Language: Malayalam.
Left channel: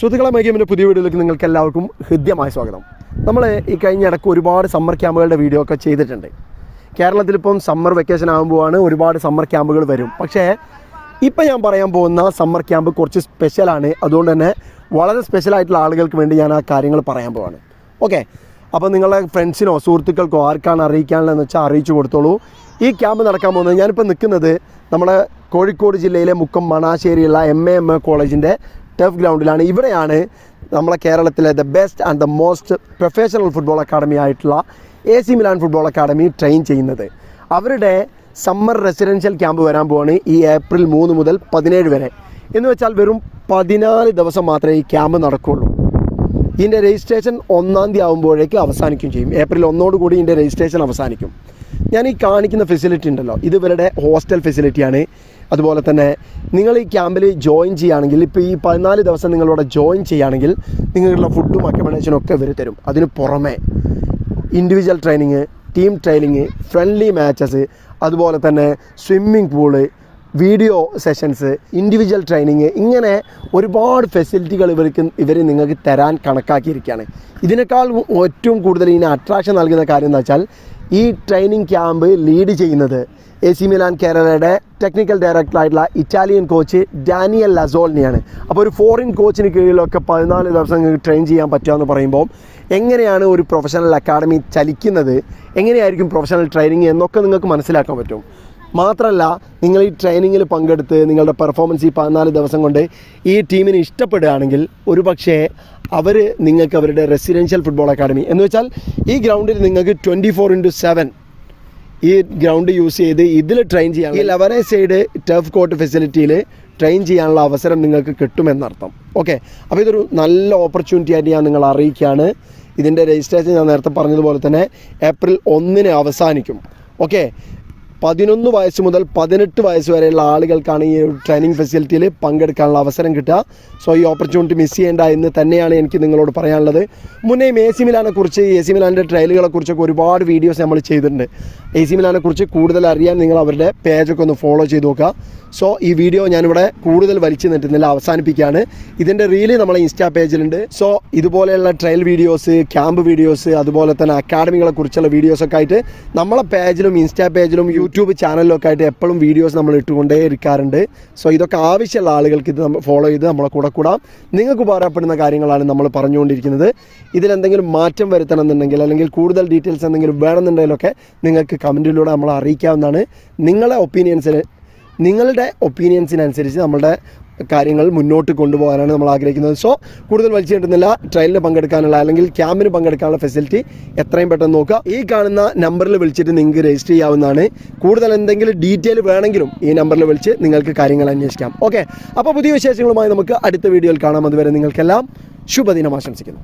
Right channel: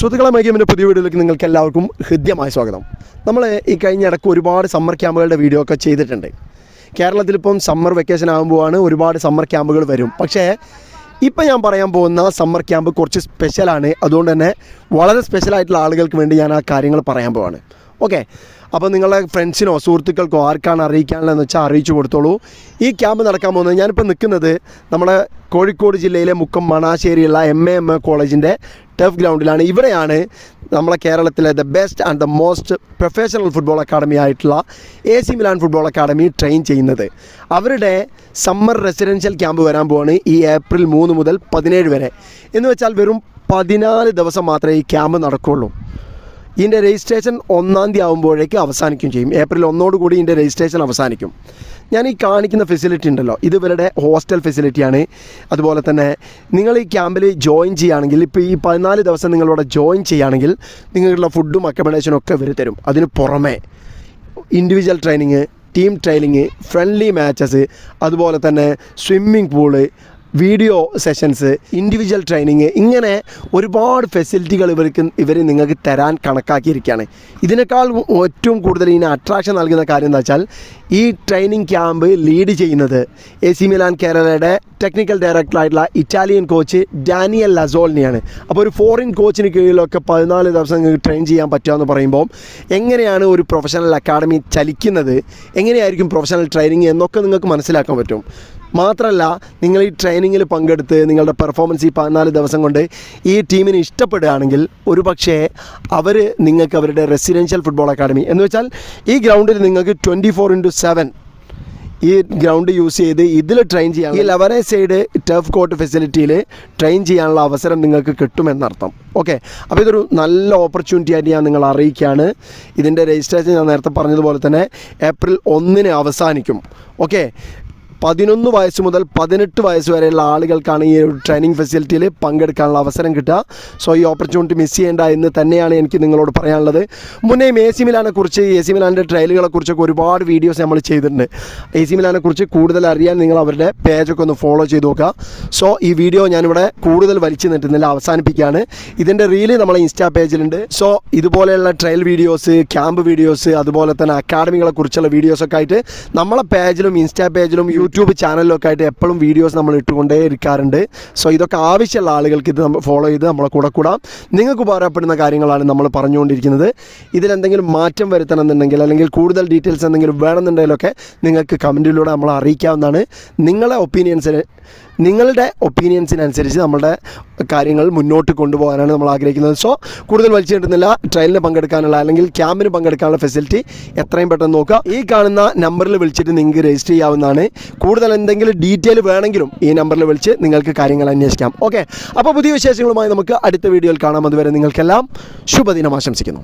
സുഹൃത്തുക്കളെ മൈഗെയിമിൻ്റെ പുതിയ വീഡിയോയിലേക്ക് നിങ്ങൾക്ക് എല്ലാവർക്കും ഹൃദ്യമായ സ്വാഗതം. നമ്മൾ ഈ കഴിഞ്ഞ ഇടയ്ക്ക് ഒരുപാട് സമ്മർ ക്യാമ്പുകളുടെ വീഡിയോ ഒക്കെ ചെയ്തിട്ടുണ്ട്. കേരളത്തിലിപ്പം സമ്മർ വെക്കേഷൻ ആകുമ്പോഴാണ് ഒരുപാട് സമ്മർ ക്യാമ്പുകൾ വരും. പക്ഷേ ഇപ്പം ഞാൻ പറയാൻ പോകുന്ന സമ്മർ ക്യാമ്പ് കുറച്ച് സ്പെഷ്യലാണ്. അതുകൊണ്ട് തന്നെ വളരെ സ്പെഷ്യലായിട്ടുള്ള ആളുകൾക്ക് വേണ്ടി ഞാൻ ആ കാര്യങ്ങൾ പറയാൻ പോവാണ്. ഓക്കെ, അപ്പോൾ നിങ്ങളുടെ ഫ്രണ്ട്സിനോ സുഹൃത്തുക്കൾക്കോ ആർക്കാണ് അറിയിക്കാനുള്ളതെന്ന് വെച്ചാൽ അറിയിച്ചു കൊടുത്തോളൂ. ഈ ക്യാമ്പ് നടക്കാൻ പോകുന്നത് ഞാനിപ്പോൾ നിൽക്കുന്നത് നമ്മുടെ കോഴിക്കോട് ജില്ലയിലെ മുക്കം മണാശ്ശേരിയുള്ള MAM കോളേജിൻ്റെ ടഫ് ഗ്രൗണ്ടിലാണ്. ഇവിടെയാണ് നമ്മളെ കേരളത്തിലെ the best and the most professional football academy ആയിട്ടുള്ള AC Milan football academy train ചെയ്യുന്നത്. അവരുടെ സമ്മർ റെസിഡൻഷ്യൽ ക്യാമ്പ് വരാൻ പോവാണ് ഈ ഏപ്രിൽ 3 മുതൽ 17 വരെ. എന്ന് വെച്ചാൽ വെറും 14 ദിവസം മാത്രമേ ഈ ക്യാമ്പ് നടക്കുകയുള്ളൂ. ഇതിൻ്റെ രജിസ്ട്രേഷൻ 1-ാം തീയതി ആകുമ്പോഴേക്ക് അവസാനിക്കും ചെയ്യും. ഏപ്രിൽ 1 കൂടി ഇതിൻ്റെ രജിസ്ട്രേഷൻ അവസാനിക്കും. ഞാൻ ഈ കാണിക്കുന്ന ഫെസിലിറ്റി ഉണ്ടല്ലോ, ഇത് ഇവരുടെ ഹോസ്റ്റൽ ഫെസിലിറ്റിയാണ്. അതുപോലെ തന്നെ നിങ്ങൾ ഈ ക്യാമ്പിൽ ജോയിൻ ചെയ്യുകയാണെങ്കിൽ, ഇപ്പോൾ ഈ 14 ദിവസം നിങ്ങളിവിടെ ജോയിൻ ചെയ്യുകയാണെങ്കിൽ നിങ്ങളുടെ ഫുഡും അക്കോമഡേഷനും ഒക്കെ ഇവർ തരും. അതിന് പുറമെ individual training, team training, friendly matches, അതുപോലെ തന്നെ swimming pool, video sessions, individual training, ഇങ്ങനെ ഒരുപാട് ഫെസിലിറ്റികൾ ഇവർ നിങ്ങൾക്ക് തരാൻ കണക്കാക്കിയിരിക്കുകയാണ്. ഇതിനേക്കാൾ ഏറ്റവും കൂടുതൽ ഇതിന് അട്രാക്ഷൻ നൽകുന്ന കാര്യം എന്താ വെച്ചാൽ, ഈ ട്രെയിനിങ് ക്യാമ്പ് ലീഡ് ചെയ്യുന്നത് AC മിലാൻ കേരളയുടെ ടെക്നിക്കൽ ഡയറക്ടറായിട്ടുള്ള ഇറ്റാലിയൻ കോച്ച് ഡാനിയൽ ലസോളിനെയാണ്. അപ്പോൾ ഒരു ഫോറിൻ കോച്ചിന് കീഴിലൊക്കെ 14 ദിവസം നിങ്ങൾക്ക് ട്രെയിൻ ചെയ്യാൻ പറ്റുക എന്ന് പറയുമ്പോൾ എങ്ങനെയാണ് ഒരു പ്രൊഫഷണൽ അക്കാഡമി ചലിക്കുന്നത്, എങ്ങനെയായിരിക്കും പ്രൊഫഷണൽ ട്രെയിനിങ് എന്നൊക്കെ നിങ്ങൾക്ക് മനസ്സിലാക്കാൻ പറ്റും. മാത്രമല്ല, നിങ്ങൾ ഈ ട്രെയിനിങ്ങിൽ പങ്കെടുത്ത് നിങ്ങളുടെ പെർഫോമൻസ് ഈ 14 ദിവസം കൊണ്ട് ഈ ടീമിന് ഇഷ്ടപ്പെടുകയാണെങ്കിൽ ഒരു പക്ഷേ അവർ നിങ്ങൾക്ക് അവരുടെ റെസിഡൻഷ്യൽ ഫുട്ബോൾ അക്കാഡമി എന്ന് വെച്ചാൽ ഈ ഗ്രൗണ്ടിൽ നിങ്ങൾക്ക് 24/7 ഈ ഗ്രൗണ്ട് യൂസ് ചെയ്ത് ഇതിൽ ട്രെയിൻ ചെയ്യാൻ, ഈ 11 സൈഡ് ടഫ് കോർട്ട് ഫെസിലിറ്റിയിൽ ട്രെയിൻ ചെയ്യാനുള്ള അവസരം നിങ്ങൾക്ക് കിട്ടുമെന്നർത്ഥം. ഓക്കെ, അപ്പോൾ ഇതൊരു നല്ല ഓപ്പർച്യൂണിറ്റി ആയിട്ട് ഞാൻ നിങ്ങളെ അറിയിക്കുകയാണ്. ഇതിൻ്റെ രജിസ്ട്രേഷൻ ഞാൻ നേരത്തെ പറഞ്ഞതുപോലെ തന്നെ ഏപ്രിൽ 1 അവസാനിക്കും. ഓക്കെ, 11 വയസ്സ് മുതൽ 18 വയസ്സ് വരെയുള്ള ആളുകൾക്കാണ് ഈ ഒരു ട്രെയിനിങ് ഫെസിലിറ്റിയിൽ പങ്കെടുക്കാനുള്ള അവസരം കിട്ടുക. സോ ഈ ഓപ്പർച്യൂണിറ്റി മിസ് ചെയ്യേണ്ട എന്ന് തന്നെയാണ് എനിക്ക് നിങ്ങളോട് പറയാനുള്ളത്. മുന്നേയും AC മിലാനെക്കുറിച്ച്, AC മിലാൻ്റെ ട്രയലുകളെക്കുറിച്ചൊക്കെ ഒരുപാട് വീഡിയോസ് നമ്മൾ ചെയ്തിട്ടുണ്ട്. AC മിലാനെക്കുറിച്ച് കൂടുതൽ അറിയാൻ നിങ്ങൾ അവരുടെ പേജൊക്കെ ഒന്ന് ഫോളോ ചെയ്ത് നോക്കുക. സോ ഈ വീഡിയോ ഞാനിവിടെ കൂടുതൽ വലിച്ചു നീട്ടുന്നില്ല, അവസാനിപ്പിക്കുകയാണ്. ഇതിൻ്റെ റീല് നമ്മളെ ഇൻസ്റ്റാ പേജിലുണ്ട്. സോ ഇതുപോലെയുള്ള ട്രയൽ വീഡിയോസ്, ക്യാമ്പ് വീഡിയോസ്, അതുപോലെ തന്നെ അക്കാഡമികളെ കുറിച്ചുള്ള വീഡിയോസൊക്കെ ആയിട്ട് നമ്മളെ പേജിലും ഇൻസ്റ്റാ പേജിലും യൂട്യൂബ് ചാനലിലൊക്കെ ആയിട്ട് എപ്പോഴും വീഡിയോസ് നമ്മൾ ഇട്ടുകൊണ്ടേ ഇരിക്കാറുണ്ട്. സോ ഇതൊക്കെ ആവശ്യമുള്ള ആളുകൾക്ക് ഇത് നമ്മൾ ഫോളോ ചെയ്ത് നമ്മളെ കൂടെ കൂടാം. നിങ്ങൾക്ക് ഉപകാരപ്പെടുന്ന കാര്യങ്ങളാണ് നമ്മൾ പറഞ്ഞുകൊണ്ടിരിക്കുന്നത്. ഇതിലെന്തെങ്കിലും മാറ്റം വരുത്തണമെന്നുണ്ടെങ്കിൽ അല്ലെങ്കിൽ കൂടുതൽ ഡീറ്റെയിൽസ് എന്തെങ്കിലും വേണമെന്നുണ്ടെങ്കിലൊക്കെ നിങ്ങൾക്ക് കമൻറ്റിലൂടെ നമ്മളെ അറിയിക്കാവുന്നതാണ്. നിങ്ങളുടെ ഒപ്പീനിയൻസിനനുസരിച്ച് നമ്മളുടെ കാര്യങ്ങൾ മുന്നോട്ട് കൊണ്ടുപോകാനാണ് നമ്മൾ ആഗ്രഹിക്കുന്നത്. സോ കൂടുതൽ വലിച്ചു കിട്ടുന്നില്ല, ട്രയലിന് പങ്കെടുക്കാനുള്ള അല്ലെങ്കിൽ ക്യാമ്പിന് പങ്കെടുക്കാനുള്ള ഫെസിലിറ്റി എത്രയും പെട്ടെന്ന് നോക്കുക. ഈ കാണുന്ന നമ്പറിൽ വിളിച്ചിട്ട് നിങ്ങൾക്ക് രജിസ്റ്റർ ചെയ്യാവുന്നതാണ്. കൂടുതൽ എന്തെങ്കിലും ഡീറ്റെയിൽ വേണമെങ്കിലും ഈ നമ്പറിൽ വിളിച്ച് നിങ്ങൾക്ക് കാര്യങ്ങൾ അന്വേഷിക്കാം. ഓക്കെ, അപ്പോൾ പുതിയ വിശേഷങ്ങളുമായി നമുക്ക് അടുത്ത വീഡിയോയിൽ കാണാം. അതുവരെ നിങ്ങൾക്കെല്ലാം ശുഭദിനം ആശംസിക്കുന്നു.